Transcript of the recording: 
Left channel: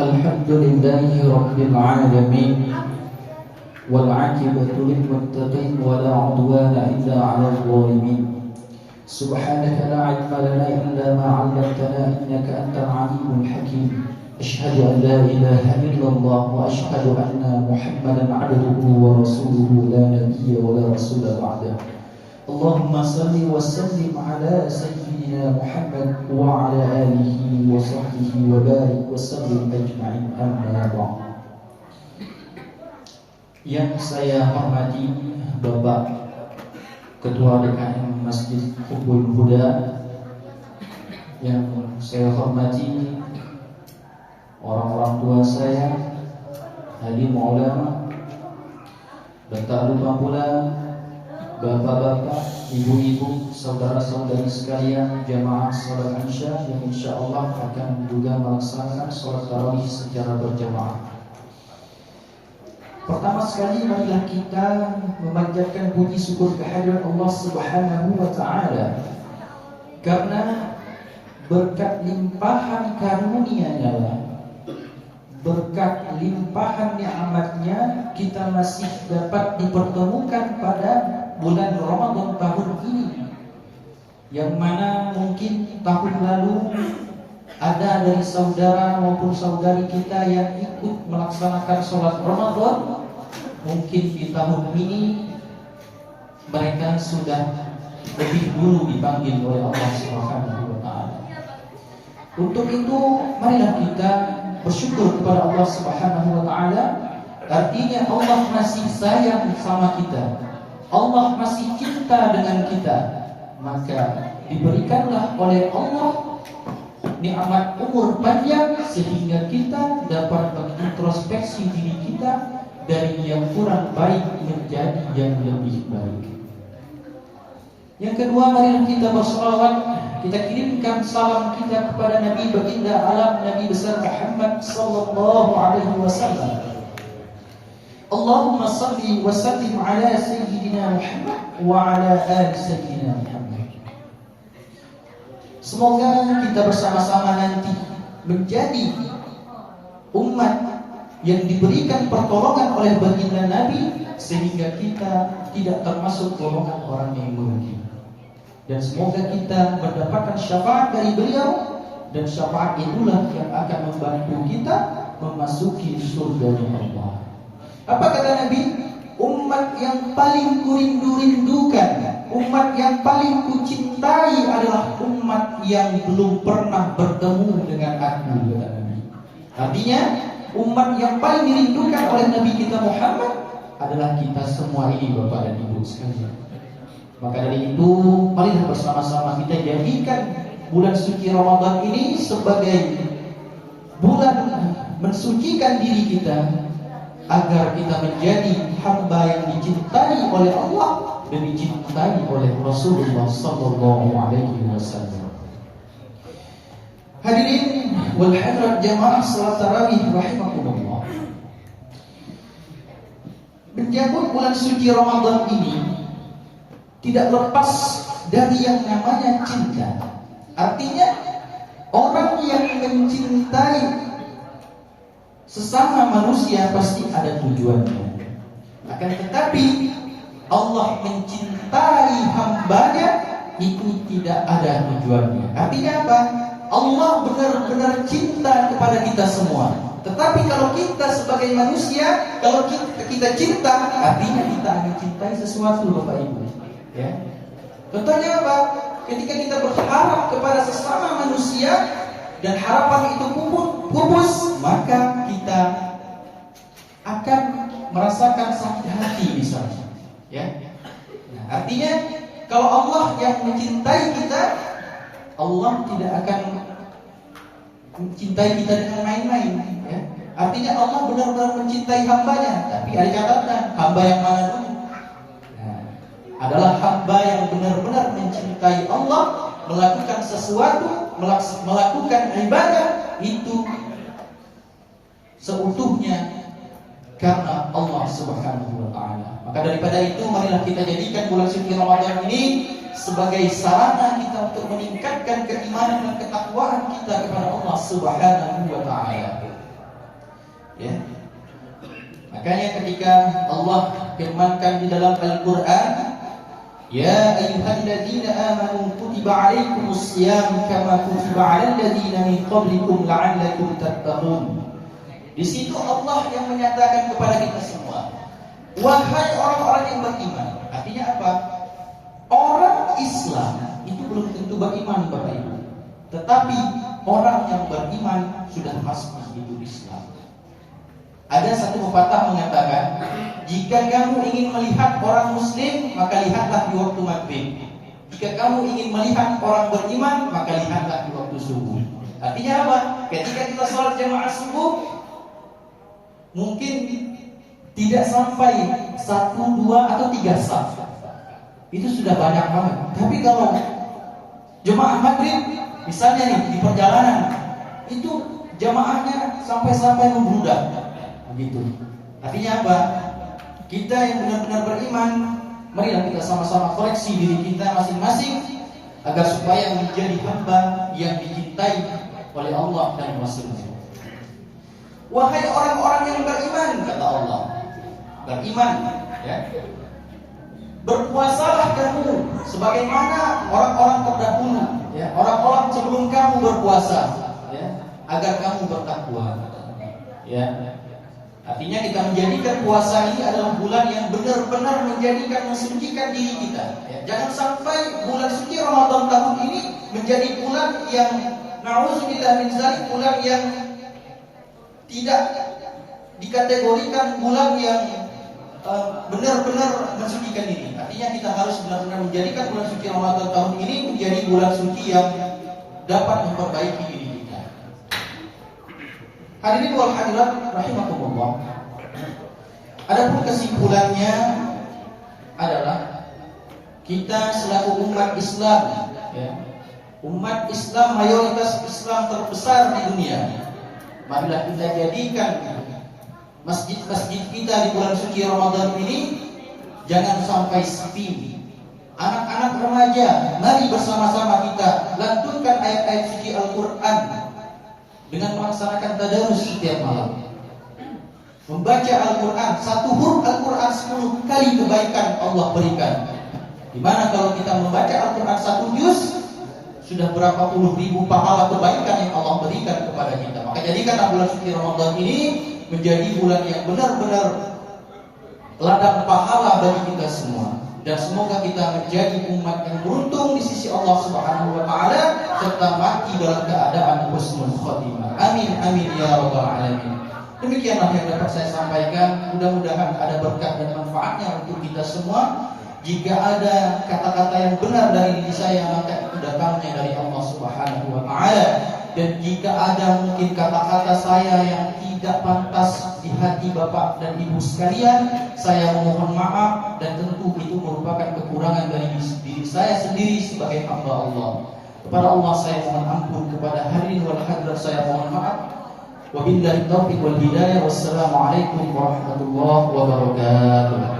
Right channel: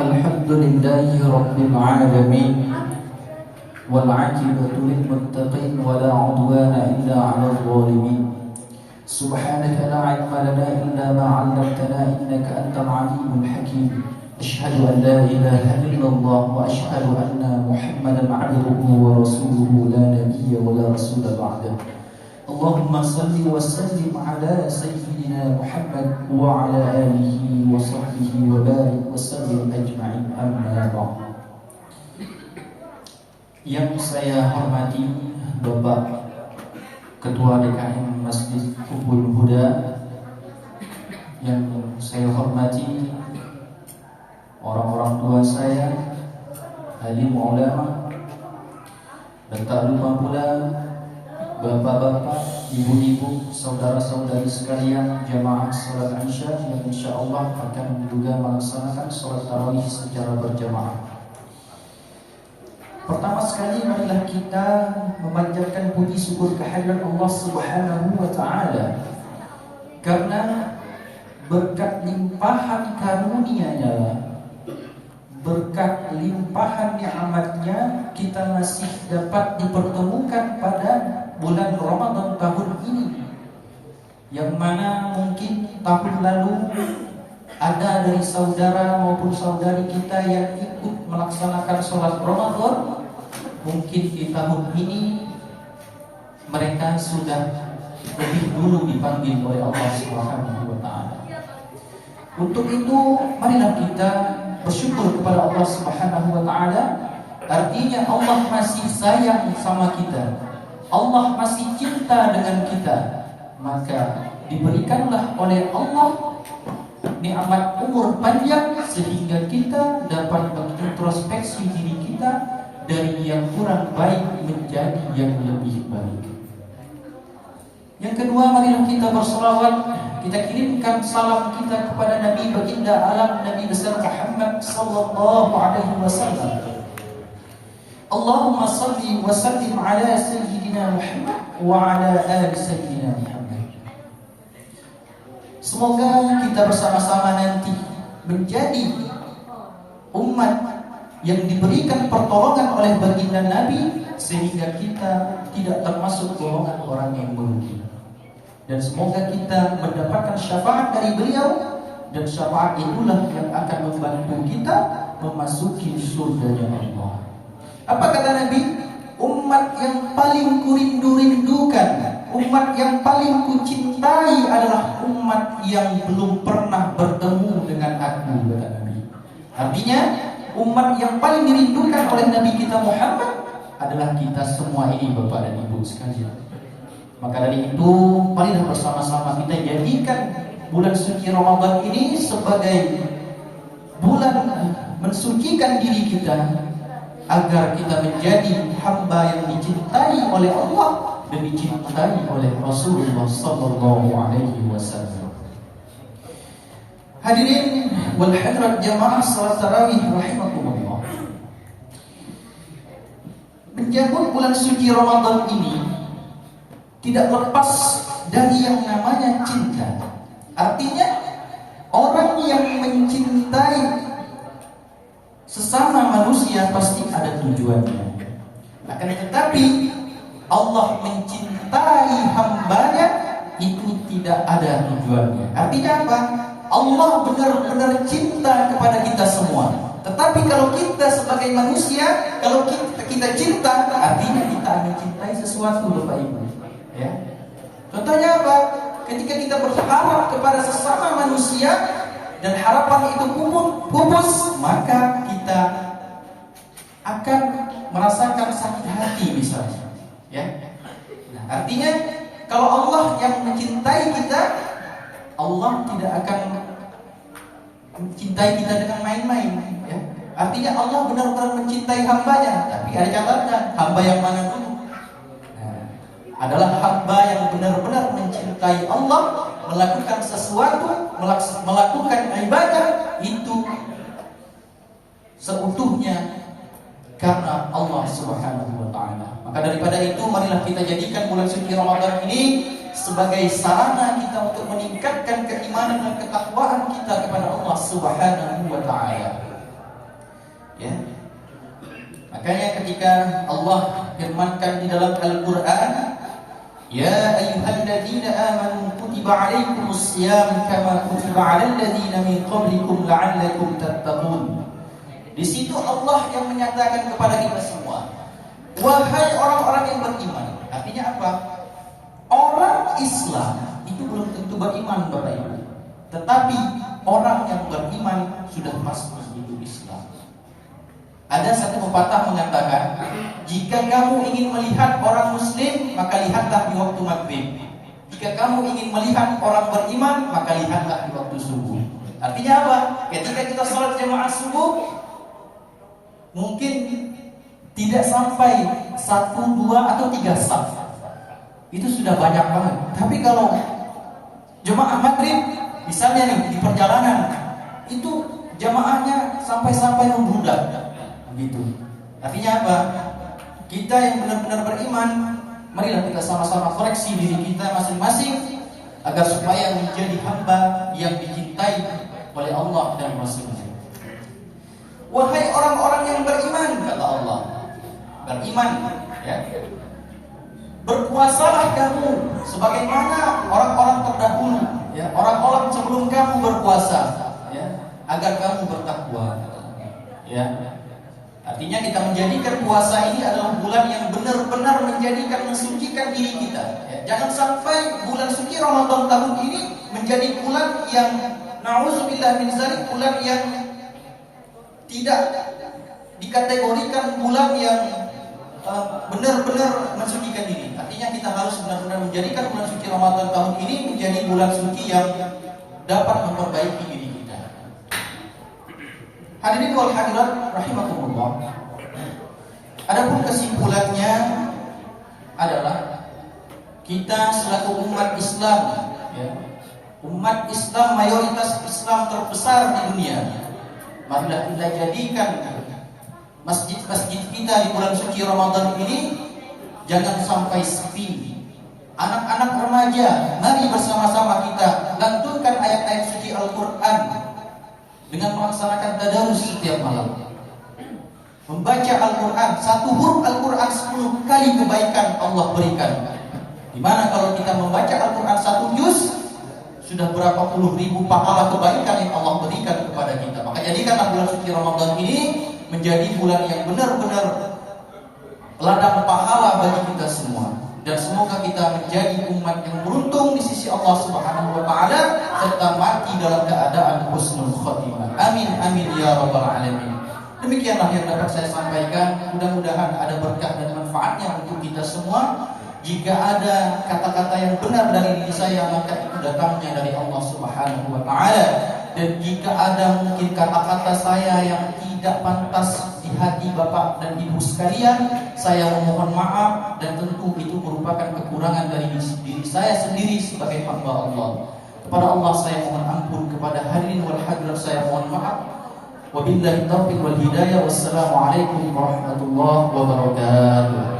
الحمد لله رب العالمين والعاقبة للمتقين ولا عدوان إلا على الظالمين سبحانك لا علم لنا إلا ما علمتنا إنك أنت العليم الحكيم أشهد أن لا إله إلا الله وأشهد أن محمدا عبده ورسوله لا نبي ولا رسول بعده اللهم صل وسلم على سيدنا محمد وعلى آله وصحبه وبارك وسلم أجمعين أما بعد. Yang saya hormati Bapak Ketua DKM Masjid Hubbul Huda, yang saya hormati orang-orang tua saya, alim ulama, dan tak lupa pula bapak-bapak, ibu-ibu, saudara-saudari sekalian jamaah salat Isya yang insyaallah akan juga melaksanakan salat tarawih secara berjamaah. Pertama sekali marilah kita memanjatkan puji syukur kehadirat Allah Subhanahu wa taala karena berkat limpahan karunia-Nya, berkat limpahan nikmat-Nya kita masih dapat dipertemukan pada bulan Ramadan tahun ini, yang mana mungkin tahun lalu ada dari saudara maupun saudari kita yang ikut melaksanakan sholat Ramadan. Mungkin di tahun ini mereka sudah lebih dulu dipanggil oleh Allah Subhanahu wa taala. Untuk itu marilah kita bersyukur kepada Allah Subhanahu wa taala. Artinya Allah masih sayang sama kita, Allah masih cinta dengan kita, maka diberikanlah oleh Allah nikmat umur panjang sehingga kita dapat mengintrospeksi diri kita dari yang kurang baik menjadi yang lebih baik. Yang kedua, marilah kita berselawat, kita kirimkan salam kita kepada Nabi baginda alam, Nabi besar Muhammad sallallahu alaihi wasallam. Allahumma salli wa sallim ala sayyidina Muhammad wa ala ali sayyidina Muhammad. Semoga kita bersama-sama nanti menjadi umat yang diberikan pertolongan oleh baginda Nabi sehingga kita tidak termasuk golongan orang yang merugi. Dan semoga kita mendapatkan syafaat dari beliau, dan syafaat itulah yang akan membantu kita memasuki surganya Allah. Apa kata Nabi? Umat yang paling kurindu-rindukan, umat yang paling kucintai adalah umat yang belum pernah bertemu dengan aku, kata Nabi. Artinya umat yang paling dirindukan oleh Nabi kita Muhammad adalah kita semua ini, Bapak dan Ibu sekalian. Maka dari itu marilah bersama-sama kita jadikan bulan suci Ramadan ini sebagai bulan mensucikan diri kita, agar kita menjadi hamba yang dicintai oleh Allah dan dicintai oleh Rasulullah sallallahu alaihi wasallam. Hadirin wal hadirat jamaah salat tarawih rahimakumullah. Menyambut bulan suci Ramadan ini tidak lepas dari yang namanya cinta. Artinya orang yang mencintai sesama manusia pasti ada tujuannya. Akan tetapi Allah mencintai hambanya itu tidak ada tujuannya. Artinya apa? Allah benar-benar cinta kepada kita semua. Tetapi kalau kita sebagai manusia, kalau kita cinta, artinya kita mencintai sesuatu, Bapak Ibu. Ya. Contohnya apa? Ketika kita berharap kepada sesama manusia dan harapan itu pupus, maka kita akan merasakan sakit hati misalnya. Ya. Nah, artinya kalau Allah yang mencintai kita, Allah tidak akan mencintai kita dengan main-main. Ya. Artinya Allah benar-benar mencintai hambanya. Tapi ada catatan, hamba yang mana dulu? Nah, adalah hamba yang benar-benar mencintai Allah, melakukan sesuatu, melakukan ibadah itu seutuhnya karena Allah Subhanahu wa taala. Maka daripada itu marilah kita jadikan bulan suci Ramadan ini sebagai sarana kita untuk meningkatkan keimanan dan ketakwaan kita kepada Allah Subhanahu wa taala. Makanya ketika Allah firmankan di dalam Al-Quran, Ya ayyuhalladzina amanu kutiba alaikumus siyam kama kutiba alal ladzina min qablikum la'allakum tattaqun. Di situ Allah yang menyatakan kepada kita semua, wahai orang-orang yang beriman. Artinya apa? Orang Islam itu belum tentu beriman, Bapak Ibu. Tetapi orang yang beriman sudah pasti hidup Islam. Ada satu pepatah mengatakan, jika kamu ingin melihat orang Muslim, maka lihatlah di waktu maghrib. Jika kamu ingin melihat orang beriman, maka lihatlah di waktu subuh. Artinya apa? Ketika kita sholat jamaah subuh, mungkin tidak sampai 1, 2, atau 3 saf. Itu sudah banyak banget. Tapi kalau jamaah maghrib, misalnya nih di perjalanan, itu jamaahnya sampai-sampai membludak. Begitu. Artinya apa? Kita yang benar-benar beriman, marilah kita sama-sama koreksi diri kita masing-masing agar supaya menjadi hamba yang dicintai oleh Allah dan Rasul-Nya. Wahai orang-orang yang beriman, kata Allah, beriman, ya. Berpuasalah kamu sebagaimana orang-orang terdahulu, ya, orang-orang sebelum kamu berpuasa, ya, agar kamu bertakwa, ya. Artinya kita menjadikan puasa ini adalah bulan yang benar-benar mensucikan diri kita, ya. Jangan sampai bulan suci Ramadan tahun ini menjadi bulan yang na'udzubillah min dzalik, bulan yang tidak dikategorikan bulan yang benar-benar mensucikan diri. Artinya kita harus benar-benar menjadikan bulan suci Ramadan tahun ini menjadi bulan suci yang dapat memperbaiki diri kita. Hadirin wal hadirat rahimakumullah. Adapun kesimpulannya adalah kita selaku umat Islam, ya, umat Islam, mayoritas Islam terbesar di dunia, marilah kita jadikan masjid-masjid kita di bulan suci Ramadan ini jangan sampai sepi. Anak-anak remaja, mari bersama-sama kita lantunkan ayat-ayat suci Al-Quran dengan melaksanakan tadarus setiap malam. Membaca Al-Quran, 1 huruf Al-Quran 10 kali kebaikan Allah berikan. Dimana kalau kita membaca Al-Quran 1 juz, sudah berapa puluh ribu pahala kebaikan yang Allah berikan kepada kita. Maka jadikanlah bulan suci Ramadan ini menjadi bulan yang benar-benar ladang pahala bagi kita semua. Dan semoga kita menjadi umat yang beruntung di sisi Allah Subhanahu wa taala serta mati dalam keadaan husnul khotimah. Amin amin ya rabbal alamin. Demikianlah yang dapat saya sampaikan. Mudah-mudahan ada berkah dan manfaatnya untuk kita semua. Jika ada kata-kata yang benar dari diri saya, maka itu datangnya dari Allah Subhanahu wa taala. Dan jika ada mungkin kata-kata saya yang tidak pantas di hati Bapak dan Ibu sekalian, saya memohon maaf, dan tentu itu merupakan kekurangan dari diri saya sendiri sebagai hamba Allah. Kepada Allah saya mohon ampun, kepada hadirin wal hadirat saya mohon maaf. Wabillahi taufiq wal hidayah. Wassalamualaikum warahmatullahi wabarakatuh.